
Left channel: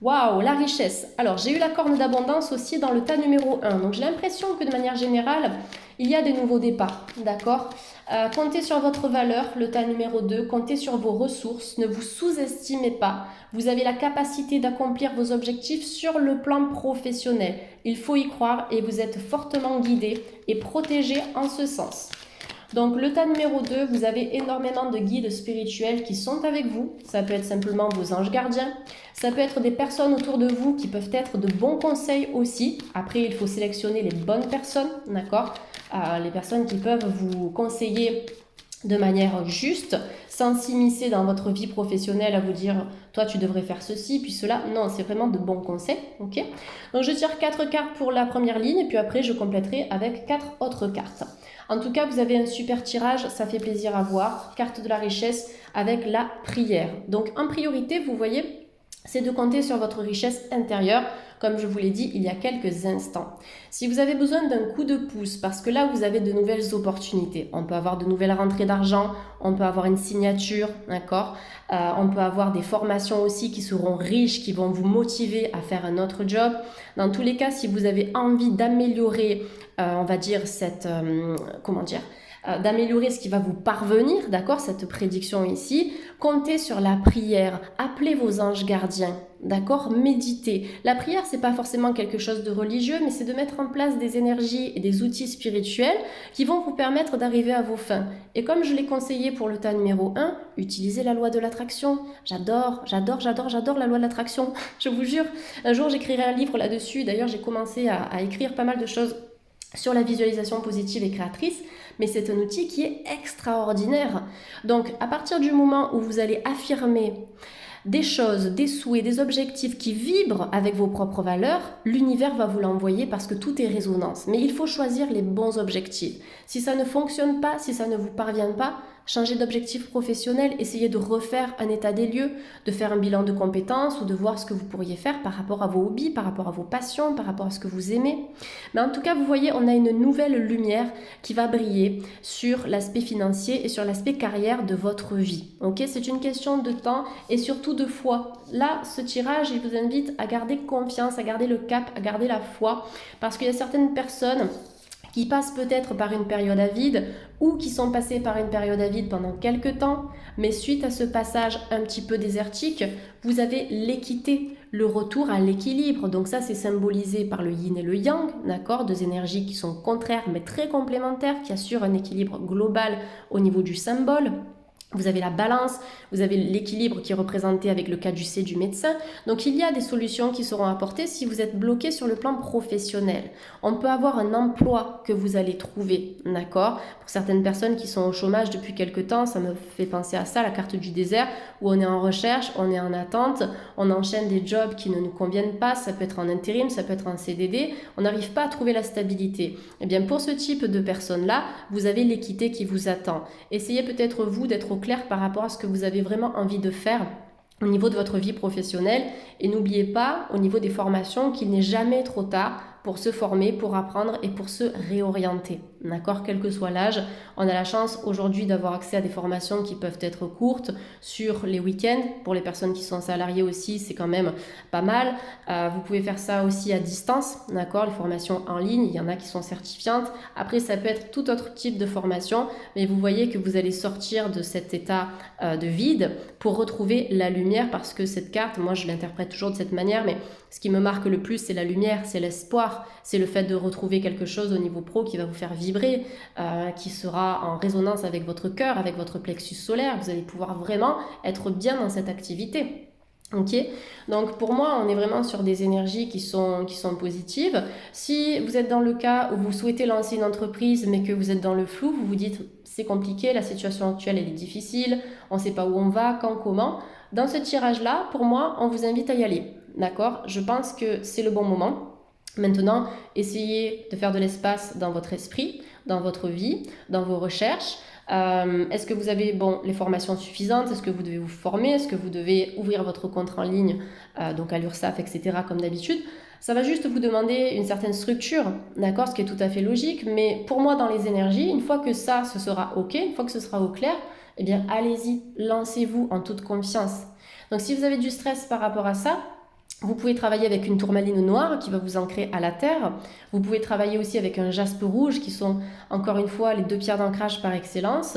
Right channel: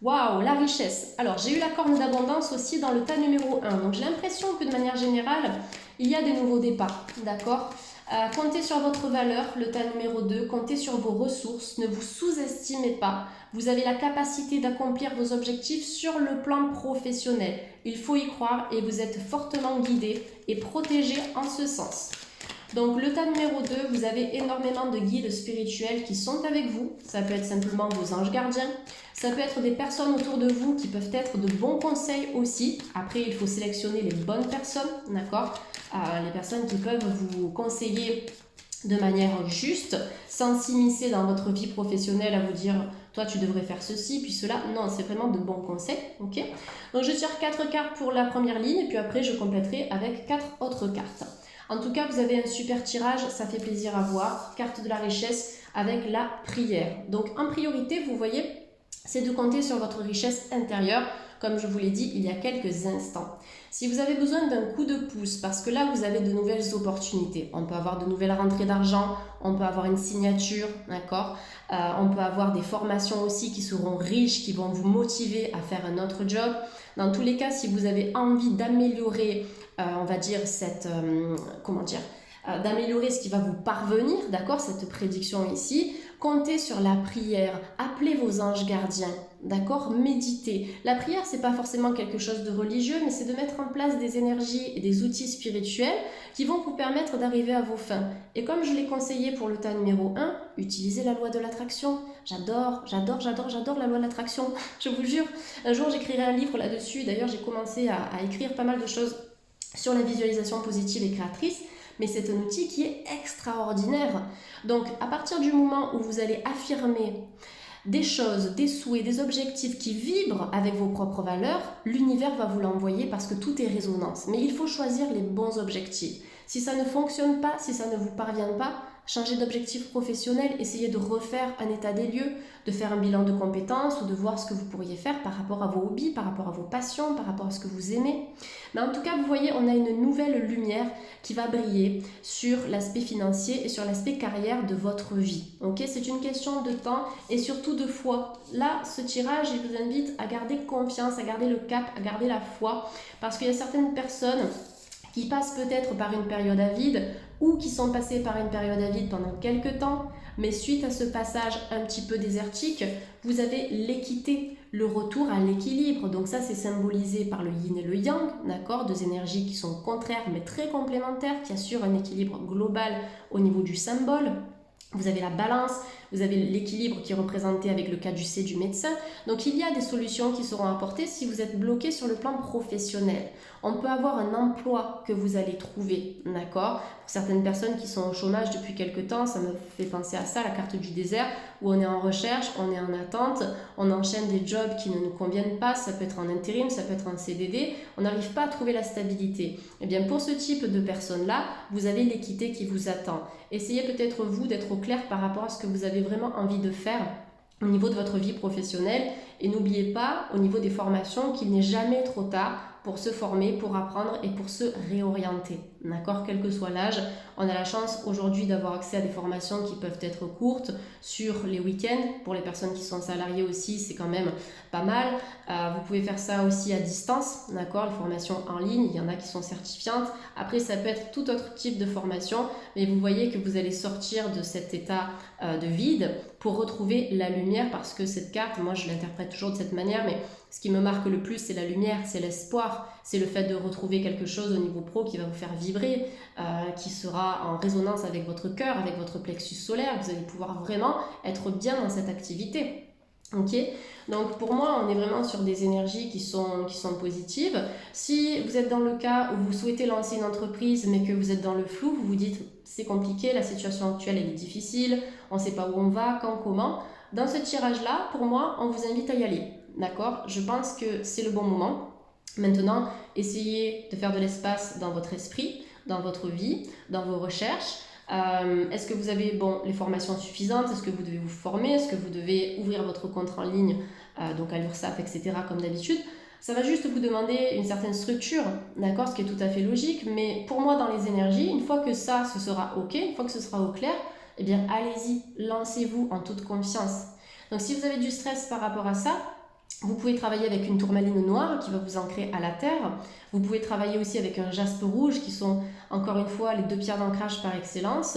Waouh, la richesse. Alors, j'ai eu la corne d'abondance aussi dans le tas numéro 1. Donc, j'ai l'impression que de manière générale, il y a des nouveaux départs, d'accord? Comptez sur votre valeur, le tas numéro 2. Comptez sur vos ressources. Ne vous sous-estimez pas. Vous avez la capacité d'accomplir vos objectifs sur le plan professionnel. Il faut y croire et vous êtes fortement guidé et protégé en ce sens. Donc le tas numéro 2, vous avez énormément de guides spirituels qui sont avec vous. Ça peut être simplement vos anges gardiens. Ça peut être des personnes autour de vous qui peuvent être de bons conseils aussi. Après, il faut sélectionner les bonnes personnes, d'accord? Les personnes qui peuvent vous conseiller de manière juste, sans s'immiscer dans votre vie professionnelle à vous dire « toi tu devrais faire ceci, puis cela ». Non, c'est vraiment de bons conseils, ok? Donc je tire 4 cartes pour la première ligne et puis après je compléterai avec 4 autres cartes. En tout cas, vous avez un super tirage, ça fait plaisir à voir. Carte de la richesse avec la prière. Donc en priorité, vous voyez, c'est de compter sur votre richesse intérieure, comme je vous l'ai dit il y a quelques instants. Si vous avez besoin d'un coup de pouce, parce que là vous avez de nouvelles opportunités, on peut avoir de nouvelles rentrées d'argent, on peut avoir une signature, d'accord, on peut avoir des formations aussi qui seront riches, qui vont vous motiver à faire un autre job. Dans tous les cas, si vous avez envie d'améliorer, on va dire, d'améliorer ce qui va vous parvenir, d'accord, cette prédiction ici, comptez sur la prière, appelez vos anges gardiens, d'accord, méditez. La prière, c'est pas forcément quelque chose de religieux, mais c'est de mettre en place des énergies et des outils spirituels qui vont vous permettre d'arriver à vos fins. Et comme je l'ai conseillé pour le tas numéro 1, utilisez la loi de l'attraction. J'adore la loi de l'attraction, je vous jure. Un jour, j'écrirai un livre là-dessus. D'ailleurs, j'ai commencé à écrire pas mal de choses sur la visualisation positive et créatrice, mais c'est un outil qui est extraordinaire. Donc, à partir du moment où vous allez affirmer des choses, des souhaits, des objectifs qui vibrent avec vos propres valeurs, l'univers va vous l'envoyer parce que tout est résonance. Mais il faut choisir les bons objectifs. Si ça ne fonctionne pas, si ça ne vous parvient pas, changez d'objectif professionnel, essayez de refaire un état des lieux, de faire un bilan de compétences ou de voir ce que vous pourriez faire par rapport à vos hobbies, par rapport à vos passions, par rapport à ce que vous aimez. Mais en tout cas, vous voyez, on a une nouvelle lumière qui va briller sur l'aspect financier et sur l'aspect carrière de votre vie. Ok, c'est une question de temps et surtout de foi. Là, ce tirage, il vous invite à garder confiance, à garder le cap, à garder la foi, parce qu'il y a certaines personnes qui passent peut-être par une période à vide ou qui sont passées par une période à vide pendant quelques temps, mais suite à ce passage un petit peu désertique, vous avez l'équité, le retour à l'équilibre. Donc ça, c'est symbolisé par le yin et le yang, d'accord, deux énergies qui sont contraires mais très complémentaires, qui assurent un équilibre global au niveau du symbole. Vous avez la balance, vous avez l'équilibre qui est représenté avec le caducée du médecin. Donc il y a des solutions qui seront apportées si vous êtes bloqué sur le plan professionnel. On peut avoir un emploi que vous allez trouver, d'accord? Pour certaines personnes qui sont au chômage depuis quelque temps, ça me fait penser à ça, la carte du désert, où on est en recherche, on est en attente, on enchaîne des jobs qui ne nous conviennent pas, ça peut être en intérim, ça peut être en CDD, on n'arrive pas à trouver la stabilité. Eh bien pour ce type de personnes-là, vous avez l'équité qui vous attend. Essayez peut-être vous d'être au clair par rapport à ce que vous avez vraiment envie de faire au niveau de votre vie professionnelle et n'oubliez pas au niveau des formations qu'il n'est jamais trop tard pour se former, pour apprendre et pour se réorienter. D'accord, quel que soit l'âge, on a la chance aujourd'hui d'avoir accès à des formations qui peuvent être courtes sur les week-ends. Pour les personnes qui sont salariées aussi, c'est quand même pas mal. Vous pouvez faire ça aussi à distance, d'accord, les formations en ligne, il y en a qui sont certifiantes. Après, ça peut être tout autre type de formation, mais vous voyez que vous allez sortir de cet état de vide pour retrouver la lumière parce que cette carte, moi je l'interprète toujours de cette manière, mais ce qui me marque le plus, c'est la lumière, c'est l'espoir, c'est le fait de retrouver quelque chose au niveau pro qui va vous faire vibrer, qui sera en résonance avec votre cœur, avec votre plexus solaire. Vous allez pouvoir vraiment être bien dans cette activité. Ok, donc pour moi, on est vraiment sur des énergies qui sont positives. Si vous êtes dans le cas où vous souhaitez lancer une entreprise, mais que vous êtes dans le flou, vous vous dites c'est compliqué, la situation actuelle elle est difficile, on ne sait pas où on va, quand, comment. Dans ce tirage-là, pour moi, on vous invite à y aller. D'accord? Je pense que c'est le bon moment. Maintenant, essayez de faire de l'espace dans votre esprit, dans votre vie, dans vos recherches. Est-ce que vous avez les formations suffisantes? Est-ce que vous devez vous former? Est-ce que vous devez ouvrir votre compte en ligne, donc à l'URSSAF, etc., comme d'habitude? Ça va juste vous demander une certaine structure, d'accord, ce qui est tout à fait logique. Mais pour moi, dans les énergies, une fois que ça, ce sera OK, une fois que ce sera au clair, eh bien, allez-y, lancez-vous en toute confiance. Donc, si vous avez du stress par rapport à ça, vous pouvez travailler avec une tourmaline noire qui va vous ancrer à la terre. Vous pouvez travailler aussi avec un jaspe rouge qui sont encore une fois les deux pierres d'ancrage par excellence.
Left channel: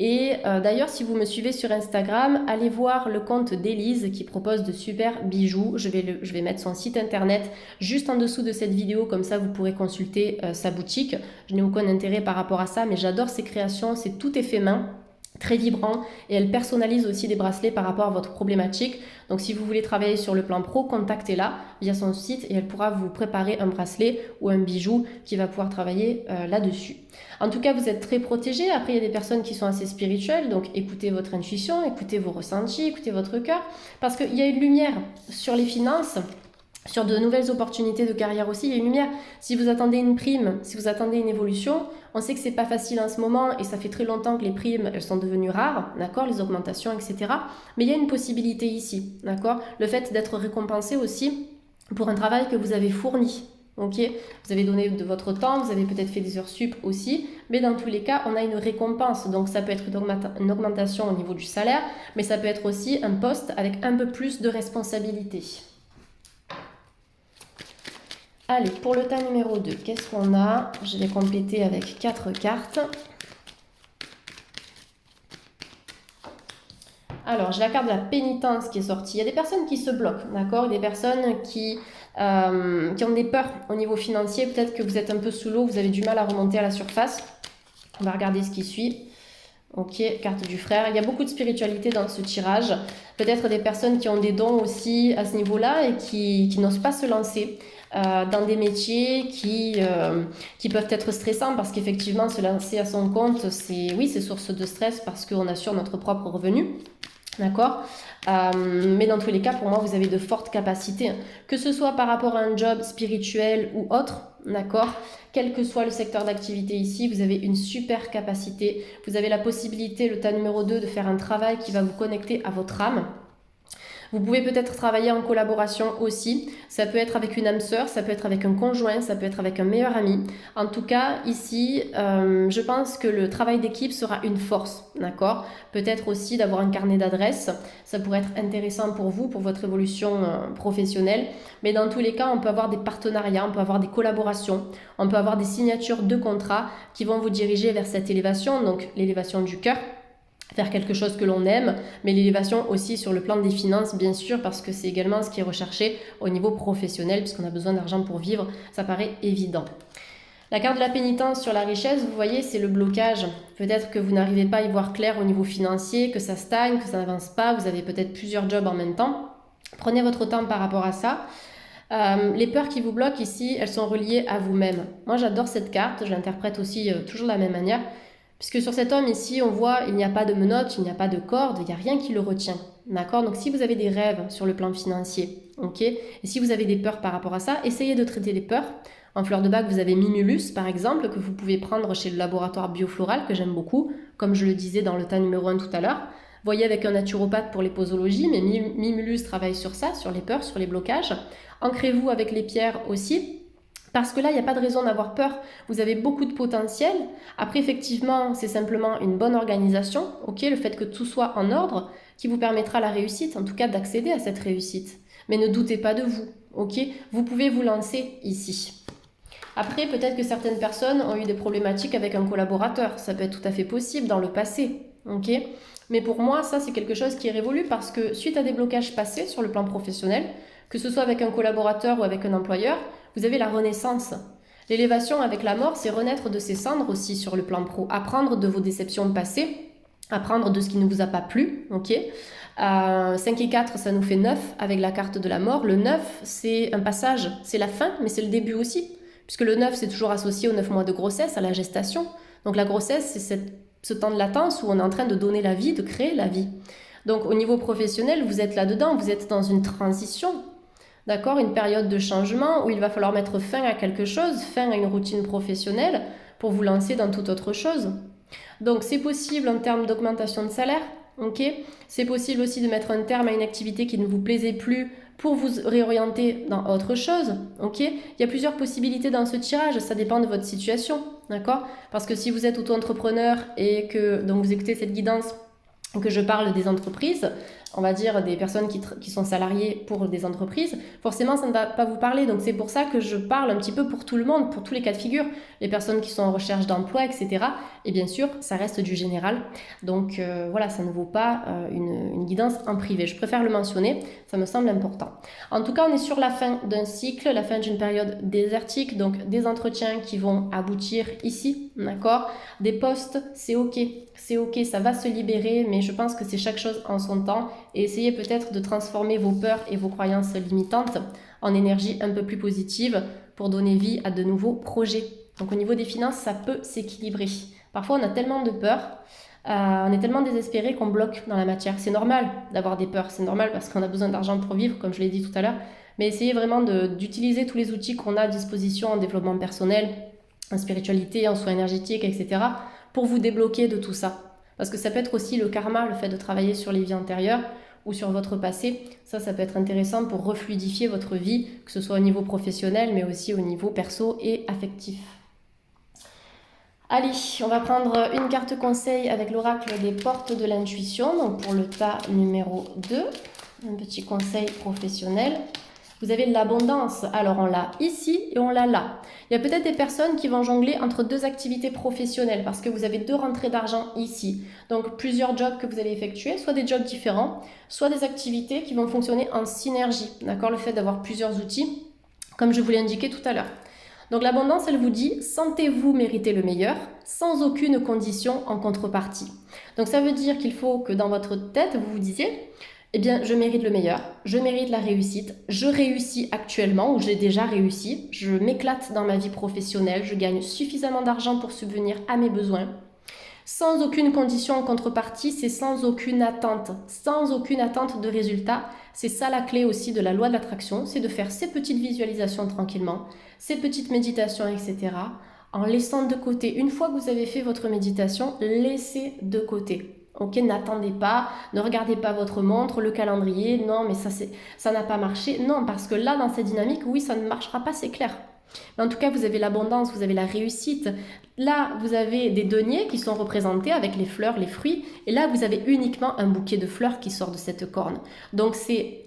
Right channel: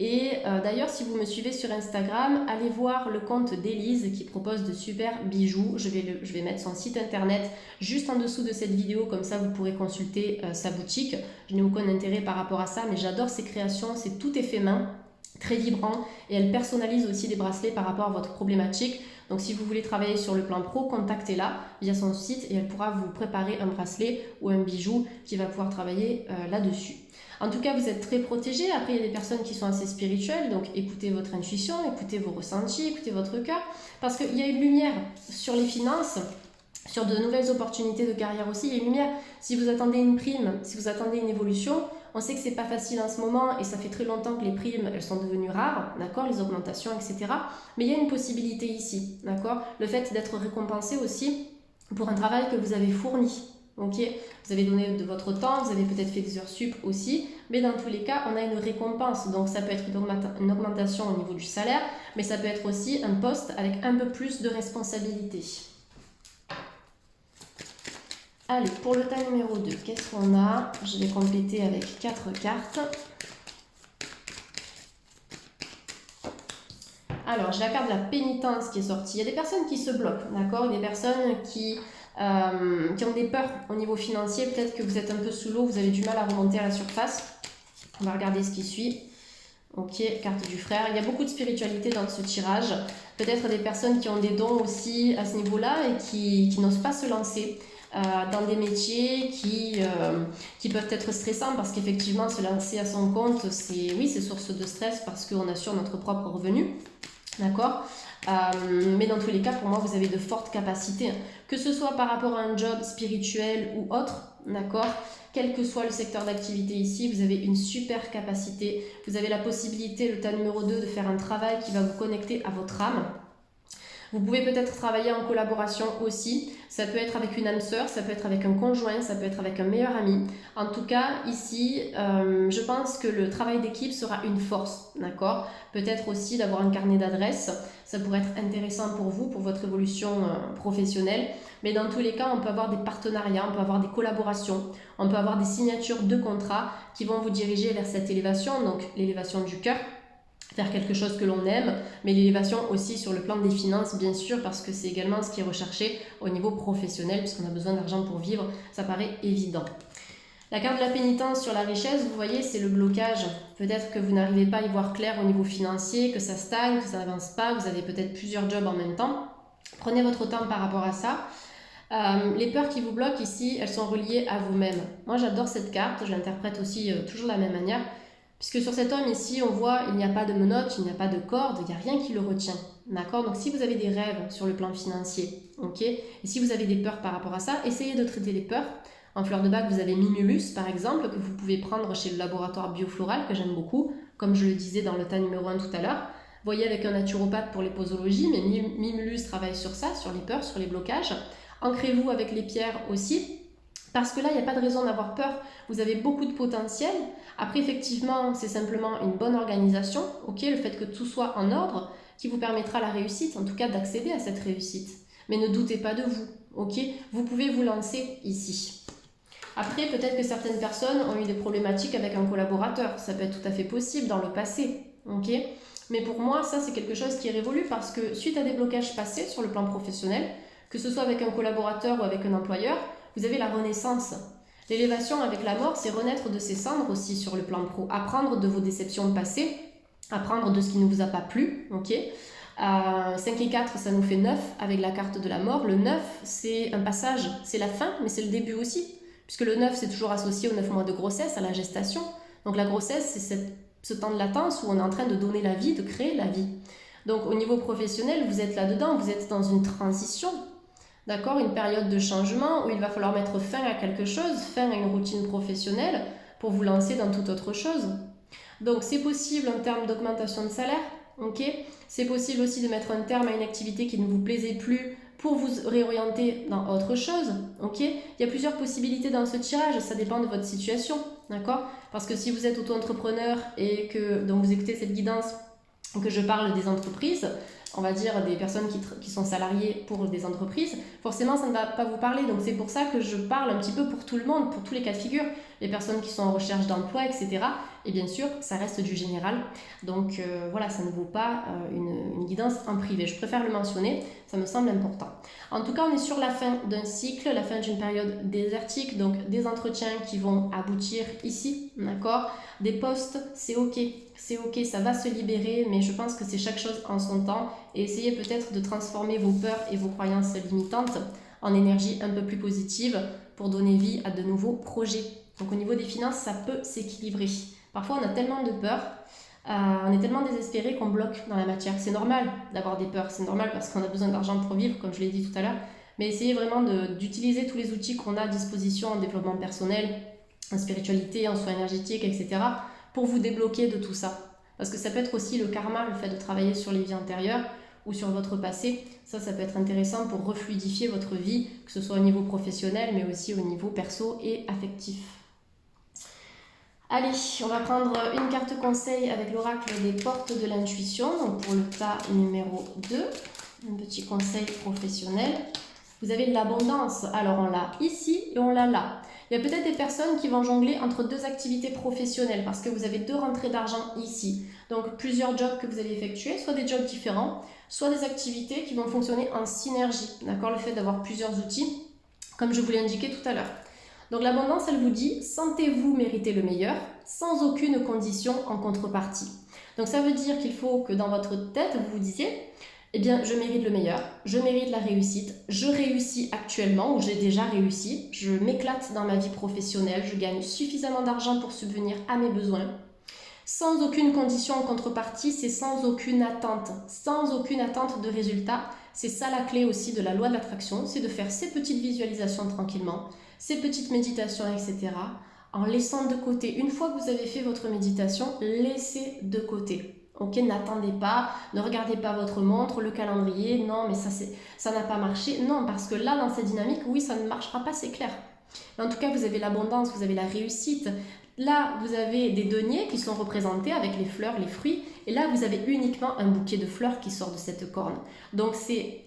Et d'ailleurs, si vous me suivez sur Instagram, allez voir le compte d'Élise qui propose de super bijoux. Je vais mettre son site internet juste en dessous de cette vidéo, comme ça vous pourrez consulter sa boutique. Je n'ai aucun intérêt par rapport à ça, mais j'adore ses créations, c'est tout est fait main, très vibrant, et elle personnalise aussi des bracelets par rapport à votre problématique. Donc si vous voulez travailler sur le plan pro, contactez-la via son site et elle pourra vous préparer un bracelet ou un bijou qui va pouvoir travailler là-dessus. En tout cas, vous êtes très protégé. Après, il y a des personnes qui sont assez spirituelles, donc écoutez votre intuition, écoutez vos ressentis, écoutez votre cœur, parce qu'il y a une lumière sur les finances, sur de nouvelles opportunités de carrière aussi. Il y a une lumière. Si vous attendez une prime, si vous attendez une évolution, on sait que c'est pas facile en ce moment et ça fait très longtemps que les primes, elles sont devenues rares, d'accord, les augmentations, etc. Mais il y a une possibilité ici, d'accord, le fait d'être récompensé aussi pour un travail que vous avez fourni. Ok, vous avez donné de votre temps, vous avez peut-être fait des heures sup aussi, mais dans tous les cas, on a une récompense. Donc ça peut être une augmentation au niveau du salaire, mais ça peut être aussi un poste avec un peu plus de responsabilité. Allez, pour le tas numéro 2, qu'est-ce qu'on a? Je vais compléter avec 4 cartes. Alors, j'ai la carte de la pénitence qui est sortie. Il y a des personnes qui se bloquent, d'accord? Des personnes qui ont des peurs au niveau financier. Peut-être que vous êtes un peu sous l'eau, vous avez du mal à remonter à la surface. On va regarder ce qui suit. Ok, carte du frère. Il y a beaucoup de spiritualité dans ce tirage. Peut-être des personnes qui ont des dons aussi à ce niveau-là et qui n'osent pas se lancer dans des métiers qui peuvent être stressants parce qu'effectivement, se lancer à son compte, c'est source de stress parce qu'on assure notre propre revenu. D'accord. Mais dans tous les cas, pour moi, vous avez de fortes capacités, hein. Que ce soit par rapport à un job spirituel ou autre, d'accord. Quel que soit le secteur d'activité ici, vous avez une super capacité. Vous avez la possibilité, le tas numéro 2, de faire un travail qui va vous connecter à votre âme. Vous pouvez peut-être travailler en collaboration aussi. Ça peut être avec une âme sœur, ça peut être avec un conjoint, ça peut être avec un meilleur ami. En tout cas, ici, je pense que le travail d'équipe sera une force, d'accord. Peut-être aussi d'avoir un carnet d'adresses. Ça pourrait être intéressant pour vous, pour votre évolution professionnelle. Mais dans tous les cas, on peut avoir des partenariats, on peut avoir des collaborations, on peut avoir des signatures de contrats qui vont vous diriger vers cette élévation, donc l'élévation du cœur, faire quelque chose que l'on aime, mais l'élévation aussi sur le plan des finances, bien sûr, parce que c'est également ce qui est recherché au niveau professionnel, puisqu'on a besoin d'argent pour vivre, ça paraît évident. La carte de la pénitence sur la richesse, vous voyez, c'est le blocage. Peut-être que vous n'arrivez pas à y voir clair au niveau financier, que ça stagne, que ça n'avance pas, vous avez peut-être plusieurs jobs en même temps. Prenez votre temps par rapport à ça. Les peurs qui vous bloquent ici, elles sont reliées à vous-même. Moi, j'adore cette carte, je l'interprète aussi toujours de la même manière. Puisque sur cet homme ici, on voit, il n'y a pas de menottes, il n'y a pas de corde, il n'y a rien qui le retient. D'accord. Donc si vous avez des rêves sur le plan financier, ok, et si vous avez des peurs par rapport à ça, essayez de traiter les peurs. En fleur de bac, vous avez Mimulus, par exemple, que vous pouvez prendre chez le laboratoire biofloral, que j'aime beaucoup, comme je le disais dans le tas numéro 1 tout à l'heure. Voyez avec un naturopathe pour les posologies, mais Mimulus travaille sur ça, sur les peurs, sur les blocages. Ancrez-vous avec les pierres aussi. Parce que là, il n'y a pas de raison d'avoir peur. Vous avez beaucoup de potentiel. Après, effectivement, c'est simplement une bonne organisation, ok, le fait que tout soit en ordre, qui vous permettra la réussite, en tout cas d'accéder à cette réussite. Mais ne doutez pas de vous, ok. Vous pouvez vous lancer ici. Après, peut-être que certaines personnes ont eu des problématiques avec un collaborateur. Ça peut être tout à fait possible dans le passé, ok. Mais pour moi, ça, c'est quelque chose qui est révolu parce que suite à des blocages passés sur le plan professionnel, que ce soit avec un collaborateur ou avec un employeur, vous avez la renaissance. L'élévation avec la mort, c'est renaître de ses cendres aussi sur le plan pro. Apprendre de vos déceptions passées, apprendre de ce qui ne vous a pas plu, ok. 5 et 4, ça nous fait 9 avec la carte de la mort. Le 9, c'est un passage, c'est la fin, mais c'est le début aussi. Puisque le 9, c'est toujours associé aux 9 mois de grossesse, à la gestation. Donc la grossesse, c'est ce temps de latence où on est en train de donner la vie, de créer la vie. Donc au niveau professionnel, vous êtes là-dedans, vous êtes dans une transition. D'accord, une période de changement où il va falloir mettre fin à quelque chose, fin à une routine professionnelle pour vous lancer dans toute autre chose. Donc c'est possible en termes d'augmentation de salaire, ok. C'est possible aussi de mettre un terme à une activité qui ne vous plaisait plus pour vous réorienter dans autre chose, ok. Il y a plusieurs possibilités dans ce tirage, ça dépend de votre situation, d'accord. Parce que si vous êtes auto-entrepreneur et que donc vous écoutez cette guidance, que je parle des entreprises, on va dire des personnes qui sont salariées pour des entreprises, forcément ça ne va pas vous parler. Donc c'est pour ça que je parle un petit peu pour tout le monde, pour tous les cas de figure, les personnes qui sont en recherche d'emploi, etc. Et bien sûr, ça reste du général. Donc voilà, ça ne vaut pas une guidance en privé. Je préfère le mentionner, ça me semble important. En tout cas, on est sur la fin d'un cycle, la fin d'une période désertique, donc des entretiens qui vont aboutir ici, d'accord. Des postes, c'est ok, ça va se libérer, mais je pense que c'est chaque chose en son temps. Et essayez peut-être de transformer vos peurs et vos croyances limitantes en énergie un peu plus positive pour donner vie à de nouveaux projets. Donc au niveau des finances, ça peut s'équilibrer. Parfois, on a tellement de peur, on est tellement désespéré qu'on bloque dans la matière. C'est normal d'avoir des peurs, c'est normal parce qu'on a besoin d'argent pour vivre, comme je l'ai dit tout à l'heure. Mais essayez vraiment d'utiliser tous les outils qu'on a à disposition en développement personnel, en spiritualité, en soins énergétiques, etc. pour vous débloquer de tout ça. Parce que ça peut être aussi le karma, le fait de travailler sur les vies antérieures ou sur votre passé. Ça peut être intéressant pour refluidifier votre vie, que ce soit au niveau professionnel, mais aussi au niveau perso et affectif. Allez, on va prendre une carte conseil avec l'oracle des portes de l'intuition. Donc pour le tas numéro 2, un petit conseil professionnel. Vous avez de l'abondance, alors on l'a ici et on l'a là. Il y a peut-être des personnes qui vont jongler entre deux activités professionnelles parce que vous avez deux rentrées d'argent ici. Donc plusieurs jobs que vous allez effectuer, soit des jobs différents, soit des activités qui vont fonctionner en synergie. D'accord, le fait d'avoir plusieurs outils, comme je vous l'ai indiqué tout à l'heure. Donc l'abondance, elle vous dit, sentez-vous mériter le meilleur sans aucune condition en contrepartie. Donc ça veut dire qu'il faut que dans votre tête, vous vous disiez, eh bien, je mérite le meilleur, je mérite la réussite, je réussis actuellement ou j'ai déjà réussi, je m'éclate dans ma vie professionnelle, je gagne suffisamment d'argent pour subvenir à mes besoins. Sans aucune condition en contrepartie, c'est sans aucune attente de résultat. C'est ça la clé aussi de la loi de l'attraction, c'est de faire ces petites visualisations tranquillement, ces petites méditations, etc. En laissant de côté, une fois que vous avez fait votre méditation, laissez de côté. Ok, n'attendez pas, ne regardez pas votre montre, le calendrier, non mais ça n'a pas marché. Non, parce que là, dans cette dynamique, oui, ça ne marchera pas, c'est clair. Mais en tout cas, vous avez l'abondance, vous avez la réussite. Là, vous avez des deniers qui sont représentés avec les fleurs, les fruits. Et là, vous avez uniquement un bouquet de fleurs qui sort de cette corne. Donc, c'est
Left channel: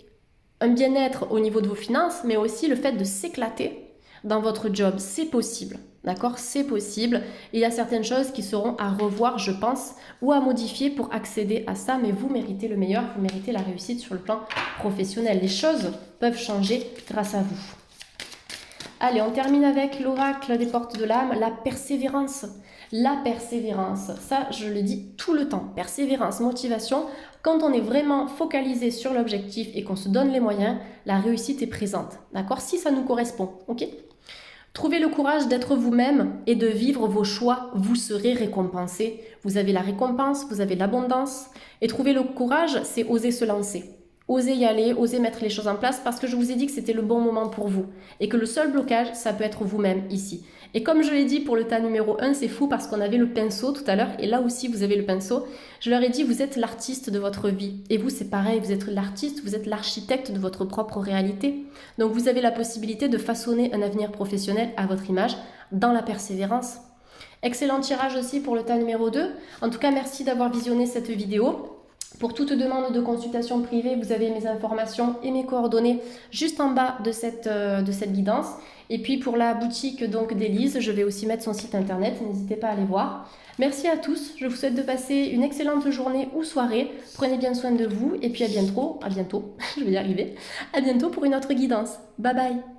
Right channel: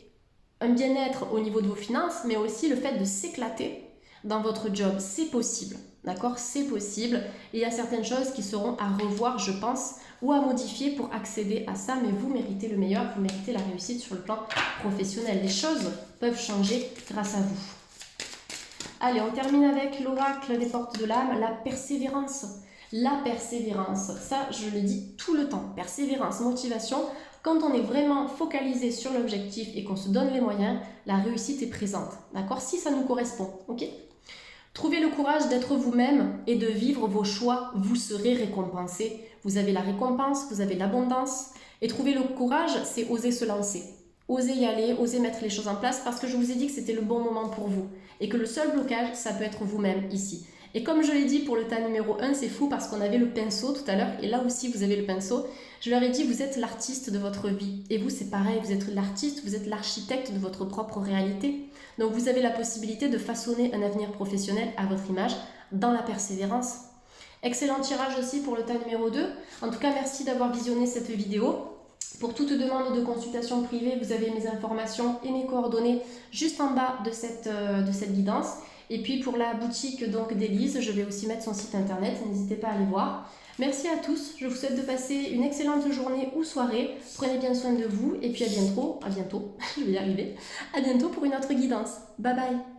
un bien-être au niveau de vos finances, mais aussi le fait de s'éclater dans votre job. C'est possible. D'accord? C'est possible. Il y a certaines choses qui seront à revoir, je pense, ou à modifier pour accéder à ça. Mais vous méritez le meilleur, vous méritez la réussite sur le plan professionnel. Les choses peuvent changer grâce à vous. Allez, on termine avec l'oracle des portes de l'âme, la persévérance. La persévérance, ça je le dis tout le temps, persévérance, motivation. Quand on est vraiment focalisé sur l'objectif et qu'on se donne les moyens, la réussite est présente, d'accord? Si ça nous correspond, ok? Trouvez le courage d'être vous-même et de vivre vos choix, vous serez récompensé. Vous avez la récompense, vous avez l'abondance. Et trouver le courage, c'est oser se lancer. Osez y aller, osez mettre les choses en place parce que je vous ai dit que c'était le bon moment pour vous et que le seul blocage, ça peut être vous-même ici. Et comme je l'ai dit pour le tas numéro 1, c'est fou parce qu'on avait le pinceau tout à l'heure et là aussi vous avez le pinceau. Je leur ai dit, vous êtes l'artiste de votre vie. Et vous, c'est pareil, vous êtes l'artiste, vous êtes l'architecte de votre propre réalité. Donc vous avez la possibilité de façonner un avenir professionnel à votre image dans la persévérance. Excellent tirage aussi pour le tas numéro 2. En tout cas, merci d'avoir visionné cette vidéo. Pour toute demande de consultation privée, vous avez mes informations et mes coordonnées juste en bas de cette guidance. Et puis pour la boutique donc d'Élise, je vais aussi mettre son site internet, n'hésitez pas à aller voir. Merci à tous, je vous souhaite de passer une excellente journée ou soirée. Prenez bien soin de vous et puis à bientôt, je vais y arriver, à bientôt pour une autre guidance. Bye bye.